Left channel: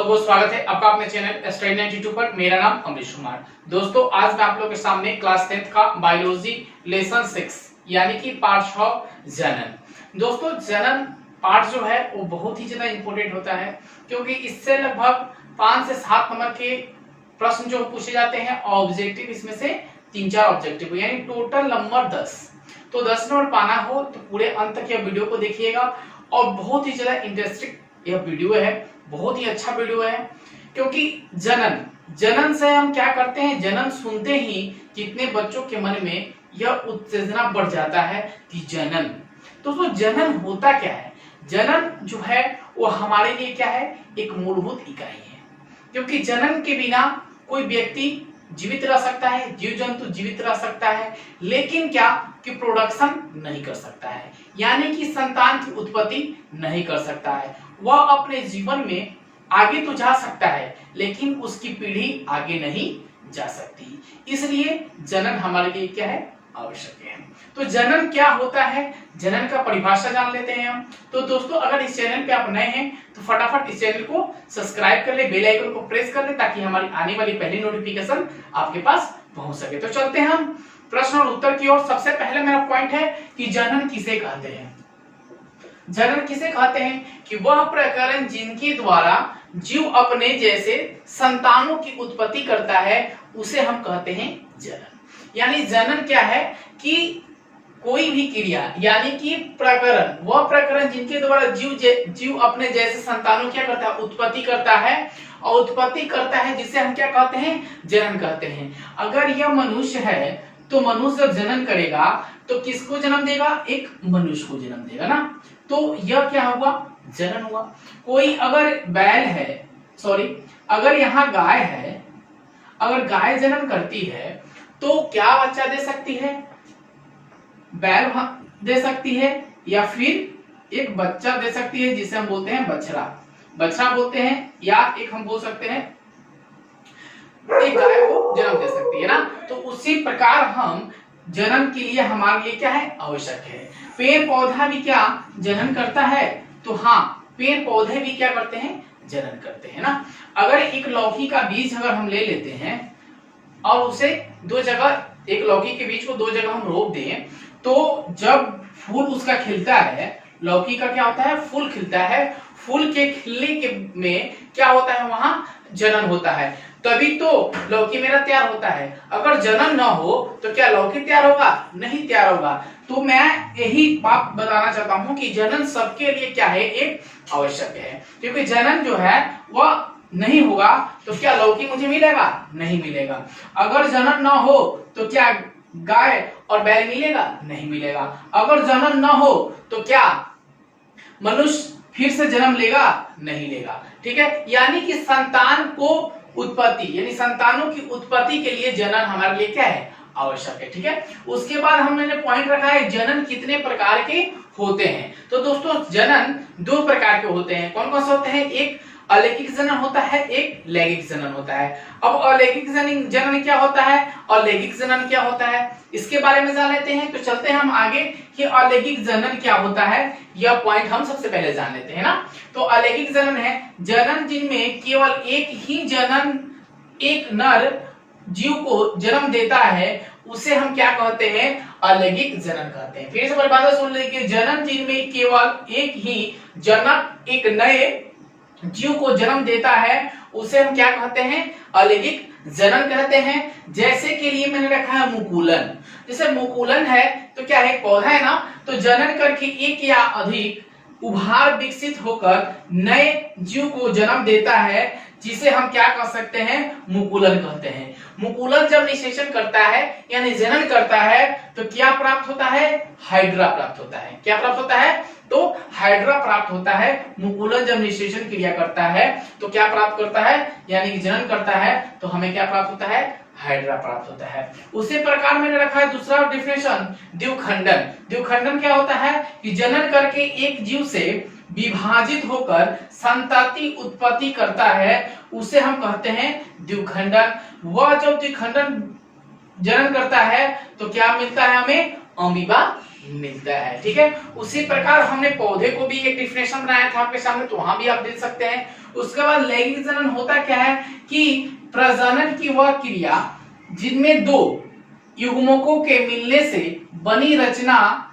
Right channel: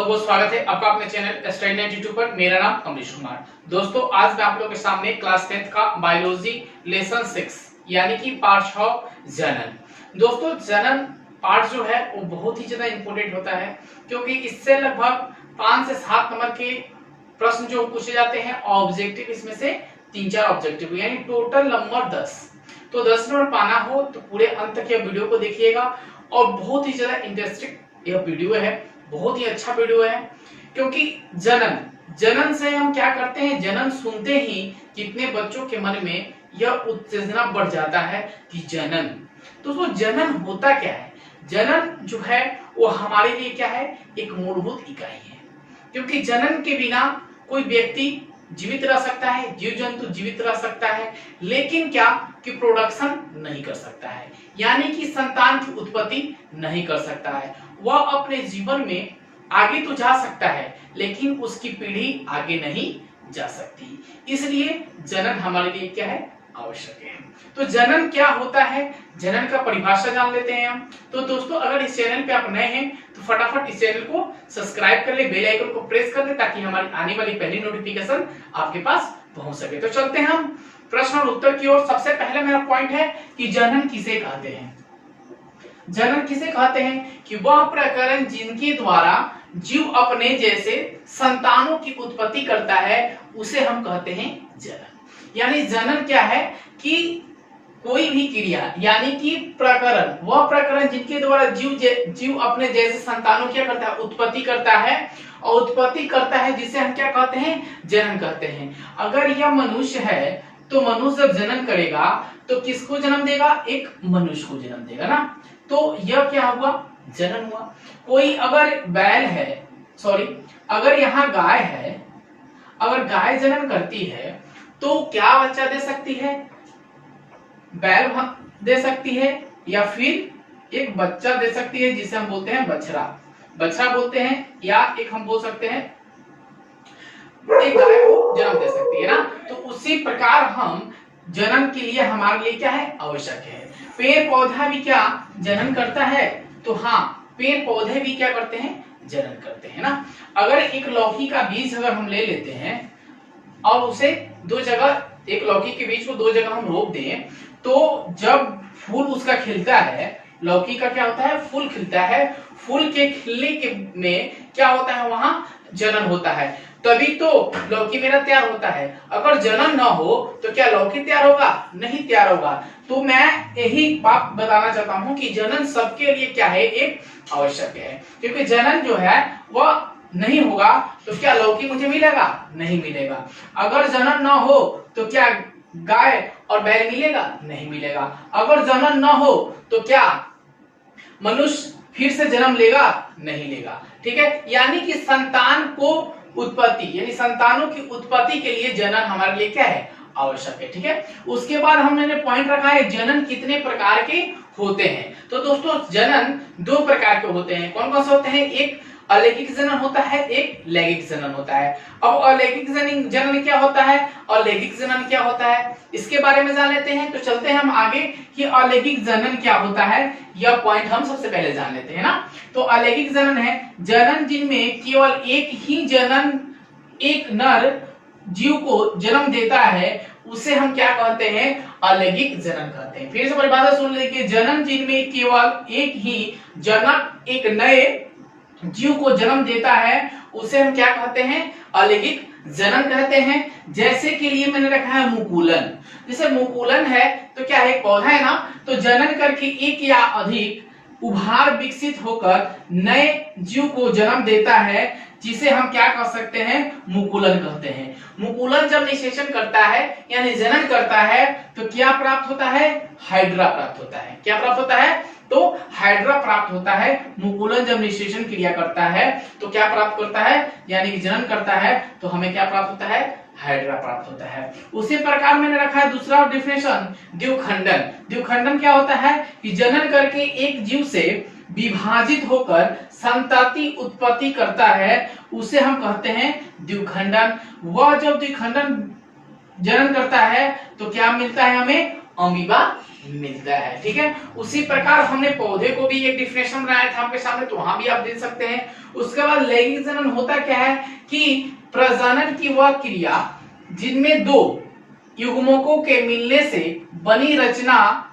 बहुत बहुत स्वागत है आपका अपने चैनल स्टडी 92 पर। मेरा नाम अमरीश कुमार। दोस्तों आज मैं आप लोगों के सामने क्लास 10th का बायोलॉजी लेसन 6 यानी कि पार्ट 6 जनन। दोस्तों जनन पार्ट जो है वो बहुत ही ज्यादा इंपॉर्टेंट होता है, क्योंकि इससे लगभग 5 से 7 नंबर के प्रश्न जो पूछे जाते हैं ऑब्जेक्टिव, इसमें से 3-4 ऑब्जेक्टिव, यानी टोटल नंबर 10। तो 10 नंबर पाना हो तो पूरे अंत तक यह वीडियो को देखिएगा, और बहुत ही ज्यादा इंटरेस्टिंग यह वीडियो है, बहुत ही अच्छा वीडियो है। क्योंकि जनन से हम क्या करते हैं, जनन सुनते ही कितने बच्चों के मन में यह उत्तेजना बढ़ जाता है कि जनन। तो जनन होता क्या है? जनन जो है वो हमारे लिए क्या है, एक मूलभूत इकाई है। क्योंकि जनन के बिना कोई व्यक्ति जीवित रह सकता है, जीव जंतु जीवित रह सकता है, लेकिन क्या कि प्रोडक्शन नहीं कर सकता है, यानी कि संतान की उत्पत्ति नहीं कर सकता है। वह अपने जीवन में आगे तो जा सकता है, लेकिन उसकी पीढ़ी आगे नहीं जा सकती। इसलिए जनन हमारे लिए क्या है, आवश्यक है। तो जनन क्या होता है, जनन का परिभाषा जान लेते हैं हम। तो दोस्तों अगर इस चैनल पे आप नए हैं तो फटाफट इस चैनल को सब्सक्राइब कर ले, बेल आइकन को प्रेस कर ले, ताकि हमारी आने वाली पहली नोटिफिकेशन आपके पास पहुंच सके। तो चलते हैं हम प्रश्न और उत्तर की ओर। सबसे पहले मेरा पॉइंट है कि जनन किसे कहते हैं। जनन किसे कहते हैं कि वह प्रकरण जिनके द्वारा जीव अपने जैसे संतानों की उत्पत्ति करता है, उसे हम कहते हैं जनन। यानी जनन क्या है कि कोई भी क्रिया, यानी कि प्रकरण, वह प्रकरण जिनके द्वारा जीव अपने जैसे संतानों क्या करता है, उत्पत्ति करता है, और उत्पत्ति करता है जिसे हम क्या कहते हैं, जनन कहते हैं। अगर यह मनुष्य है तो मनुष्य जब जनन करेगा तो किसको जन्म देगा, एक मनुष्य को जन्म देगा ना। तो यह क्या हुआ, जनन हुआ। कोई अगर बैल है, अगर यहाँ गाय है, अगर गाय जन्म करती है तो क्या बच्चा दे सकती है, बैल दे सकती है, या फिर एक बच्चा दे सकती है जिसे हम बोलते हैं बछड़ा बोलते हैं, या एक हम बोल सकते हैं एक गाय को जन्म दे सकती है ना। तो उसी प्रकार हम जन्म के लिए हमारे लिए क्या है, आवश्यक है। पेड़ पौधा भी क्या जनन करता है, तो हाँ पेड़ पौधे भी क्या करते हैं, जनन करते हैं ना। अगर एक लौकी का बीज अगर हम ले लेते हैं और उसे दो जगह, एक लौकी के बीज को दो जगह हम रोप दें, तो जब फूल उसका खिलता है, लौकी का क्या होता है, फूल खिलता है, फूल के खिलने के में क्या होता है, वहां जनन होता है, तभी तो लौकी मेरा तैयार होता है। अगर जनन ना हो तो क्या लौकी तैयार होगा, नहीं तैयार होगा। तो मैं यही बात बताना चाहता हूं कि जनन सबके लिए क्या है, एक आवश्यक है। क्योंकि जनन जो है वह नहीं होगा तो क्या लौकी मुझे मिलेगा, नहीं मिलेगा। अगर जनन ना हो तो क्या गाय और बैल मिलेगा, नहीं मिलेगा। अगर जनन ना हो तो क्या मनुष्य फिर से जन्म लेगा, नहीं लेगा। ठीक है, यानी कि संतान को उत्पत्ति, यानी संतानों की उत्पत्ति के लिए जनन हमारे लिए क्या है, आवश्यक है। ठीक है, उसके बाद हमने पॉइंट रखा है जनन कितने प्रकार के होते हैं। तो दोस्तों जनन 2 प्रकार के होते हैं। कौन कौन से होते हैं, एक अलैंगिक जनन होता है, एक लैंगिक जनन होता है। अब अलैंगिक जनन क्या होता है और लैंगिक जनन क्या होता है, इसके बारे में जान लेते हैं। तो चलते हैं हम आगे कि अलैंगिक जनन क्या होता है, यह पॉइंट हम सबसे पहले जान लेते हैं ना। तो अलैंगिक जनन है जनन जिनमें केवल एक ही जनन एक नर जीव को जन्म देता है, उसे हम क्या कहते हैं, अलैंगिक जनन कहते हैं। फिर से परिभाषा सुन लीजिए, जनन जिनमें केवल एक ही जनक एक नए जीव को जन्म देता है, उसे हम क्या कहते हैं, अलैंगिक जनन कहते हैं। जैसे के लिए मैंने रखा है मुकुलन। जैसे मुकुलन है तो क्या है, पौधा है ना, तो जनन करके एक या अधिक उभार विकसित होकर नए जीव को जन्म देता है, जिसे हम क्या कह सकते हैं, मुकुलन कहते हैं। मुकुलन जब निषेचन करता है यानी जनन करता है तो क्या प्राप्त होता है, हाइड्रा प्राप्त होता है। क्या प्राप्त होता है, तो हाइड्रा प्राप्त होता है। मुकुलन जब निषेचन क्रिया करता है तो क्या प्राप्त करता है, यानी कि जनन करता है, तो हमें क्या प्राप्त होता है, हाइड्रा प्राप्त होता है। उसी प्रकार मैंने रखा है दूसरा डेफिनेशन, द्विखंडन। द्विखंडन क्या होता है कि जनन करके एक जीव से विभाजित होकर संतति उत्पत्ति करता है, उसे हम कहते हैं द्विखंडन। वह जब द्विखंडन जनन करता है तो क्या मिलता है, हमें अमीबा मिलता है। ठीक है, उसी प्रकार हमने पौधे को भी एक डिफिनेशन बनाया था आपके सामने, तो वहां भी आप देख सकते हैं। उसके बाद लैंगिक जनन होता क्या है कि प्रजनन की वह क्रिया जिनमें दो युग्मकों के मिलने से बनी रचना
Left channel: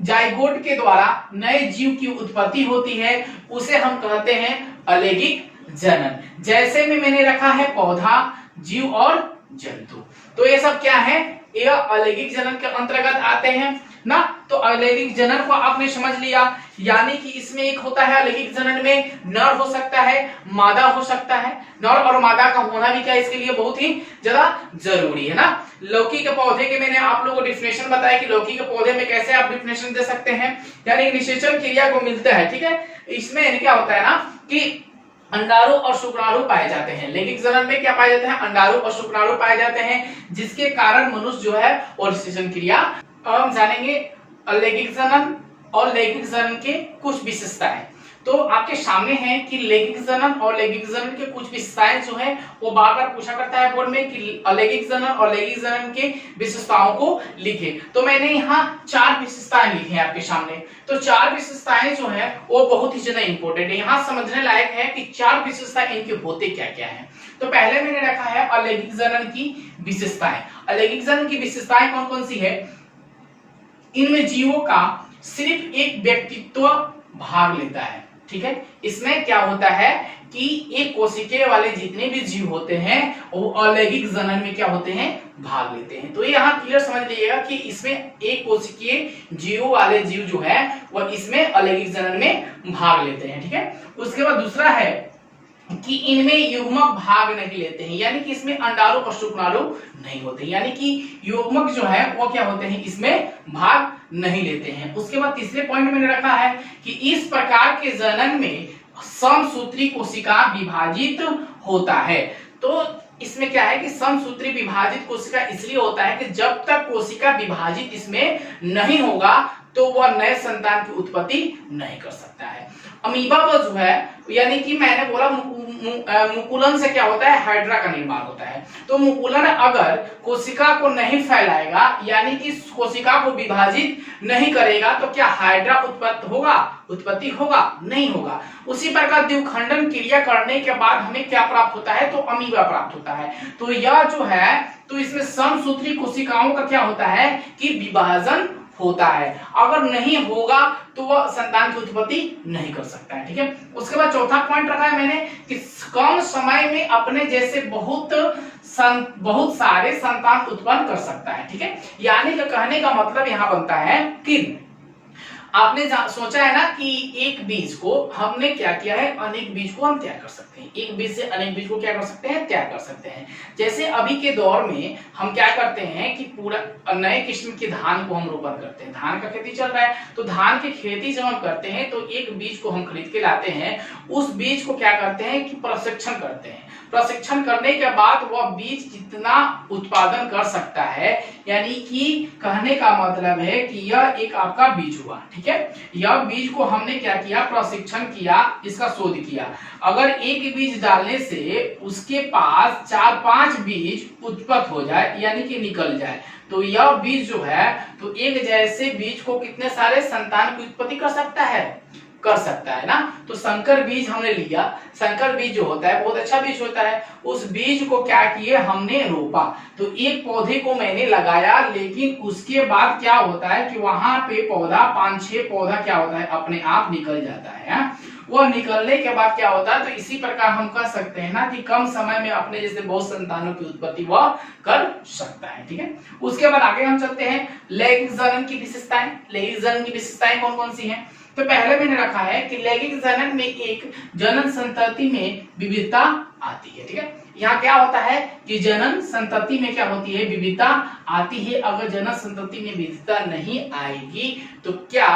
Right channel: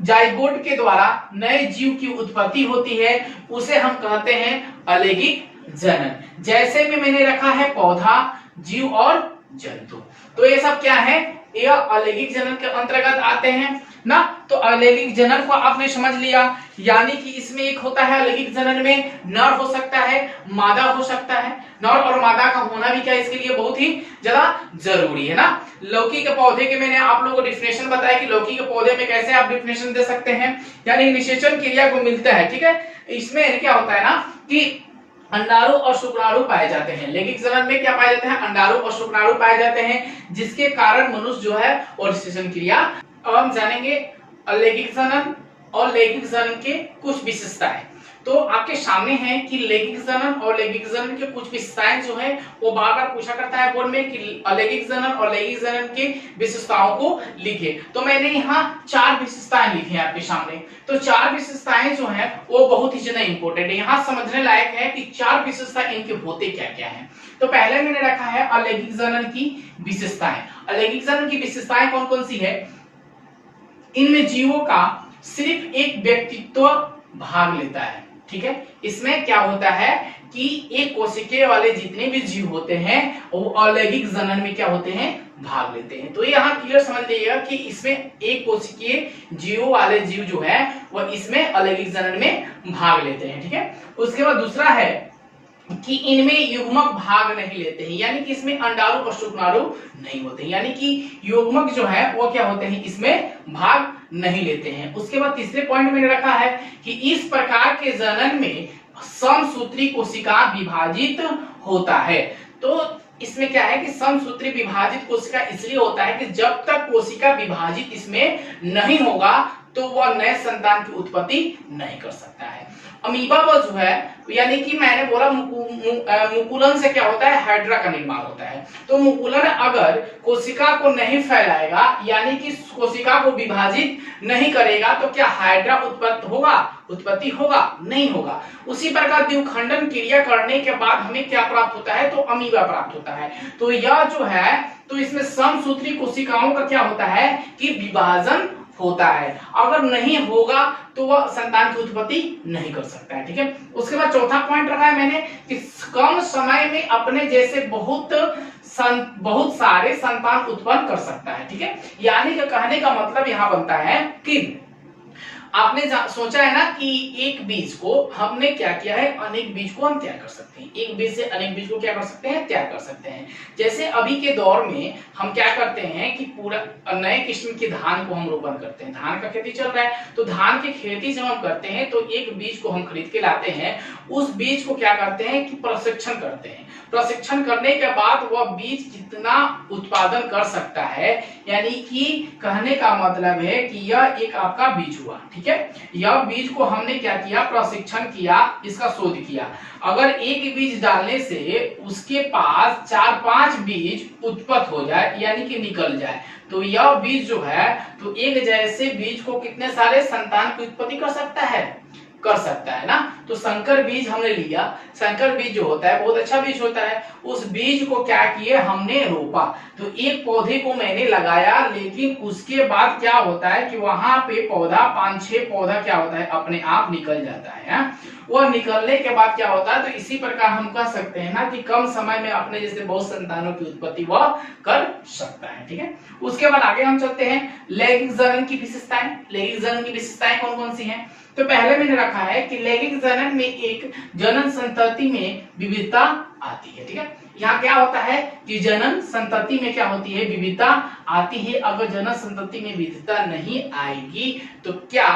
जाइगोट के द्वारा नए जीव की उत्पत्ति होती है, उसे हम कहते हैं अलैंगिक जनन। जैसे में मैंने रखा है पौधा, जीव और जंतु, तो ये सब क्या है, यह अलैंगिक जनन के अंतर्गत आते हैं ना। तो अलैंगिक जनन को आपने समझ लिया, यानी कि इसमें एक होता है अलैंगिक जनन में नर हो सकता है, मादा हो सकता है। नर और मादा का होना भी क्या इसके लिए बहुत ही ज्यादा जरूरी है ना। लौकी के पौधे के मैंने आप लोगों को डिफिनेशन बताया कि लौकी के पौधे में कैसे आप डिफिनेशन दे सकते हैं, यानी निषेचन क्रिया को मिलता है, ठीक है। इसमें क्या होता है ना कि अंडाणु और शुक्राणु पाए जाते हैं। लैंगिक जनन में क्या पाए जाते हैं, अंडाणु और शुक्राणु पाए जाते हैं, जिसके कारण मनुष्य जो है और निषेचन क्रिया। अब हम जानेंगे अलैंगिक जनन और लैंगिक जनन के कुछ विशेषताएं। तो आपके सामने है कि लैंगिक जनन और लैंगिक जनन के कुछ विशेषताएं जो है वो बार बार पूछा करता है बोर्ड में कि अलैंगिक जनन और लैंगिक जनन के विशेषताओं को लिखे। तो मैंने यहाँ 4 विशेषताएं लिखी हैं आपके सामने। तो 4 विशेषताएं जो है वो बहुत ही ज्यादा इंपॉर्टेंट है, यहाँ समझने लायक है कि 4 विशेषताएं इनके होते क्या क्या है। तो पहले मैंने रखा है अलैंगिक जनन की विशेषताएं। अलैंगिक जनन की विशेषताएं कौन कौन सी है, इनमें जीवों का सिर्फ एक व्यक्तित्व भाग लेता है, ठीक है। इसमें क्या होता है कि एक कोशिकीय वाले जितने भी जीव होते हैं वो अलैंगिक जनन में क्या होते हैं, भाग लेते हैं। तो यहाँ क्लियर समझ लीजिएगा कि इसमें एक कोशिकीय जीवों वाले जीव जो है वह इसमें अलैंगिक जनन में भाग लेते हैं, ठीक है। उसके बाद दूसरा है कि इनमें युग्मक भाग नहीं लेते हैं, यानी कि इसमें अंडाणु और शुक्राणु नहीं होते, यानी कि युग्मक जो है वो क्या होते हैं, इसमें भाग नहीं लेते हैं। उसके बाद तीसरे पॉइंट मैंने रखा है कि इस प्रकार के जनन में समसूत्री कोशिका विभाजित होता है। तो इसमें क्या है कि समसूत्री विभाजित कोशिका इसलिए होता है कि जब तक कोशिका विभाजित इसमें नहीं होगा तो वह नए संतान की उत्पत्ति नहीं कर सकता है। अमीबा जो है, यानी कि मैंने बोला मुकुलन से क्या होता है, हाइड्रा का निर्माण होता है। तो मुकुलन अगर कोशिका को नहीं फैलाएगा, यानी कि कोशिका को विभाजित नहीं करेगा, तो क्या हाइड्रा उत्पत्ति होगा, नहीं होगा। उसी प्रकार द्विखंडन क्रिया करने के बाद हमें क्या प्राप्त होता है, तो अमीबा प्राप्त होता है। तो यह जो है, तो इसमें समसूत्री कोशिकाओं का क्या होता है कि विभाजन होता है। अगर नहीं होगा तो वह संतान की उत्पत्ति नहीं कर सकता है, ठीक है। उसके बाद चौथा पॉइंट रखा है मैंने कि कम समय में अपने जैसे बहुत सारे संतान उत्पन्न कर सकता है, ठीक है। यानी कि कहने का मतलब यहाँ बनता है कि आपने सोचा है ना कि एक बीज को हमने क्या किया है, अनेक बीज को हम तैयार कर सकते हैं। एक बीज से अनेक बीज को क्या कर सकते हैं, तैयार कर सकते हैं। जैसे अभी के दौर में हम क्या करते हैं कि पूरा नए किस्म के धान को हम रोपण करते हैं। धान का खेती चल रहा है, तो धान की खेती जब हम करते हैं तो एक बीज को हम खरीद के लाते हैं। उस बीज को क्या करते हैं कि प्रशिक्षण करते हैं। प्रशिक्षण करने के बाद वह बीज कितना उत्पादन कर सकता है, यानी कि कहने का मतलब है कि यह एक आपका बीज हुआ, ठीक है। यह बीज को हमने क्या किया, प्रशिक्षण किया, इसका शोध किया। अगर एक बीज डालने से उसके पास 4-5 बीज उत्पन्न हो जाए, यानी कि निकल जाए, तो यह बीज जो है, तो एक जैसे बीज को कितने सारे संतान की उत्पत्ति कर सकता है ना। तो संकर बीज हमने लिया। संकर बीज जो होता है बहुत अच्छा बीज होता है। उस बीज को क्या किए, हमने रोपा। तो एक पौधे को मैंने लगाया, लेकिन उसके बाद क्या होता है कि वहां पे पौधा 5-6 पौधा क्या होता है, अपने आप निकल जाता है। वह निकलने के बाद क्या होता है, तो इसी प्रकार हम कह सकते हैं ना कि कम समय में अपने जैसे बहुत संतानों की उत्पत्ति वह कर सकता है, ठीक है। उसके बाद आगे हम चलते हैं लैंगिक जनन की विशेषताएं। लैंगिक जनन की विशेषताएं कौन कौन सी हैं। तो पहले मैंने रखा है कि लैंगिक जनन में एक जनन संतति में विविधता आती है, ठीक है। यहाँ क्या होता है कि जनन संतति में क्या होती है, विविधता आती है। अगर जनन संतति में विविधता नहीं आएगी तो क्या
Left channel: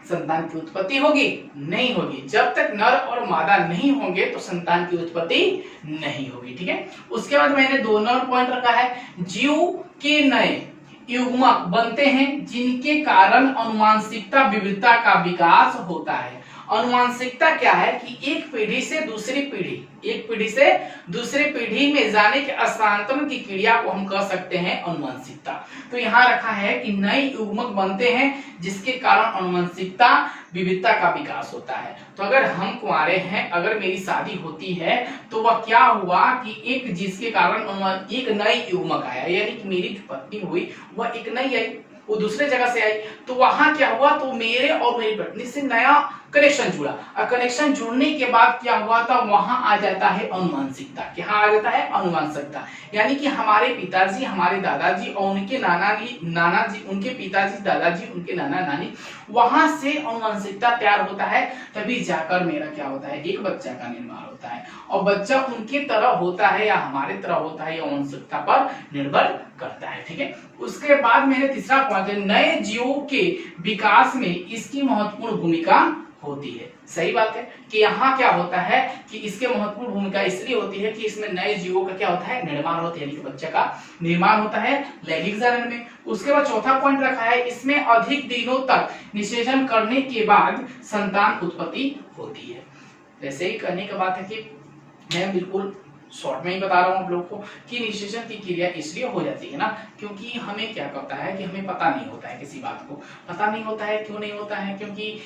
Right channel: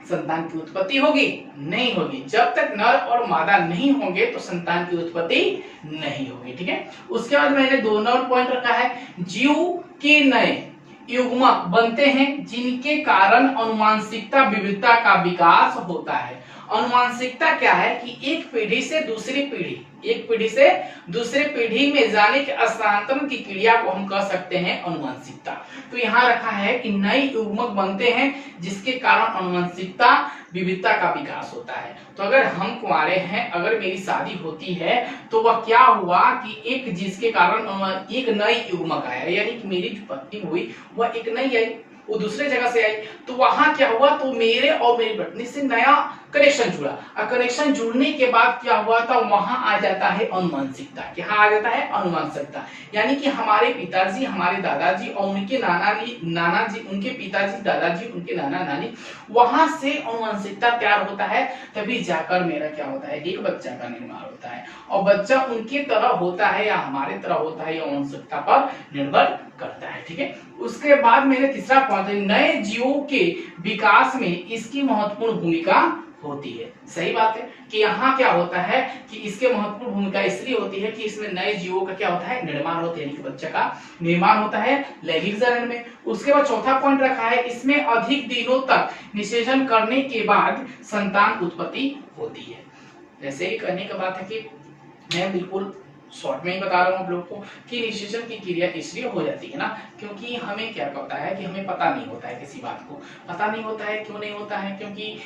संतान की उत्पत्ति होगी, नहीं होगी। जब तक नर और मादा नहीं होंगे तो संतान की उत्पत्ति नहीं होगी, ठीक है। उसके बाद मैंने 2 और पॉइंट रखा है, जीव के नए युग्मक बनते हैं जिनके कारण अनुवांशिकता विविधता का विकास होता है। अनुवांशिकता क्या है कि एक पीढ़ी से दूसरी पीढ़ी, एक पीढ़ी से दूसरे पीढ़ी में जाने के स्थानांतरण की क्रिया को हम कह सकते हैं अनुवांशिकता। तो यहाँ रखा है कि नए युग्मक बनते हैं जिसके कारण अनुवांशिकता विविधता का विकास होता है। तो अगर हम कुंवारे हैं, अगर मेरी शादी होती है तो वह क्या हुआ कि एक जिसके कारण एक नई युग्मक आया, यानी कि मेरी जो पत्नी हुई वह एक नई आई, वो दूसरे जगह से आई, तो वहां क्या हुआ, तो मेरे और मेरी पत्नी से नया कनेक्शन जुड़ा, और कनेक्शन जुड़ने के बाद क्या हुआ था, वहां आ जाता है अनुवांशिकता। क्या आ जाता है, अनुवांशिकता, यानी कि हमारे पिताजी, हमारे दादाजी और उनके नाना जी, उनके पिताजी, दादाजी, उनके नाना नानी, वहां से अनुवांशिकता तैयार होता है, तभी जाकर मेरा क्या होता है, एक बच्चा का निर्माण होता है। और बच्चा उनके तरह होता है या हमारे तरह होता है, यह अनुवांशिकता पर निर्भर करता है। ठीक है, उसके बाद मेरे तीसरा पॉइंट है, नए जीवों के विकास में इसकी महत्वपूर्ण भूमिका होती है। सही बात है कि यहाँ क्या होता है कि इसके महत्वपूर्ण भूमिका इसलिए होती है कि इसमें नए जीवों का क्या होता है, निर्माण होता है, यानी कि बच्चा का निर्माण होता है लैंगिक जनन में। उसके बाद चौथा पॉइंट रखा है, इसमें अधिक दिनों तक निषेचन करने के बाद संतान उत्पत्ति होती है। वैसे ही करने की बात है कि मैं बिल्कुल शॉर्ट में ही बता रहा हूँ आप लोग को कि निषेचन की क्रिया इसलिए हो जाती है ना, क्योंकि हमें क्या करता है कि हमें पता नहीं होता है, किसी बात को पता नहीं होता है। क्यों नहीं होता है, क्योंकि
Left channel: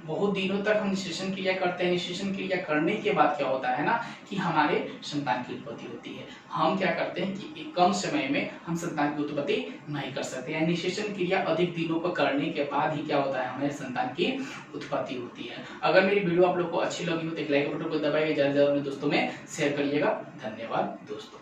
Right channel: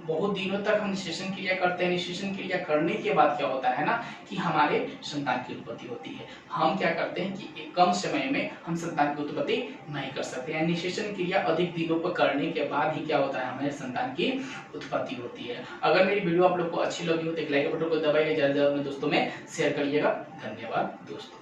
बहुत दिनों तक हम निषेचन क्रिया करते हैं। निषेचन क्रिया करने के बाद क्या होता है ना कि हमारे संतान की उत्पत्ति होती है। हम क्या करते हैं कि एक कम समय में हम संतान की उत्पत्ति नहीं कर सकते हैं। निषेचन क्रिया अधिक दिनों पर करने के बाद ही क्या होता है, हमारे संतान की उत्पत्ति होती है। अगर मेरी वीडियो आप लोग को अच्छी लगी हो तो एक लाइक बटन को दबाइए, ज्यादा से ज्यादा अपने दोस्तों में शेयर करिएगा। धन्यवाद दोस्तों।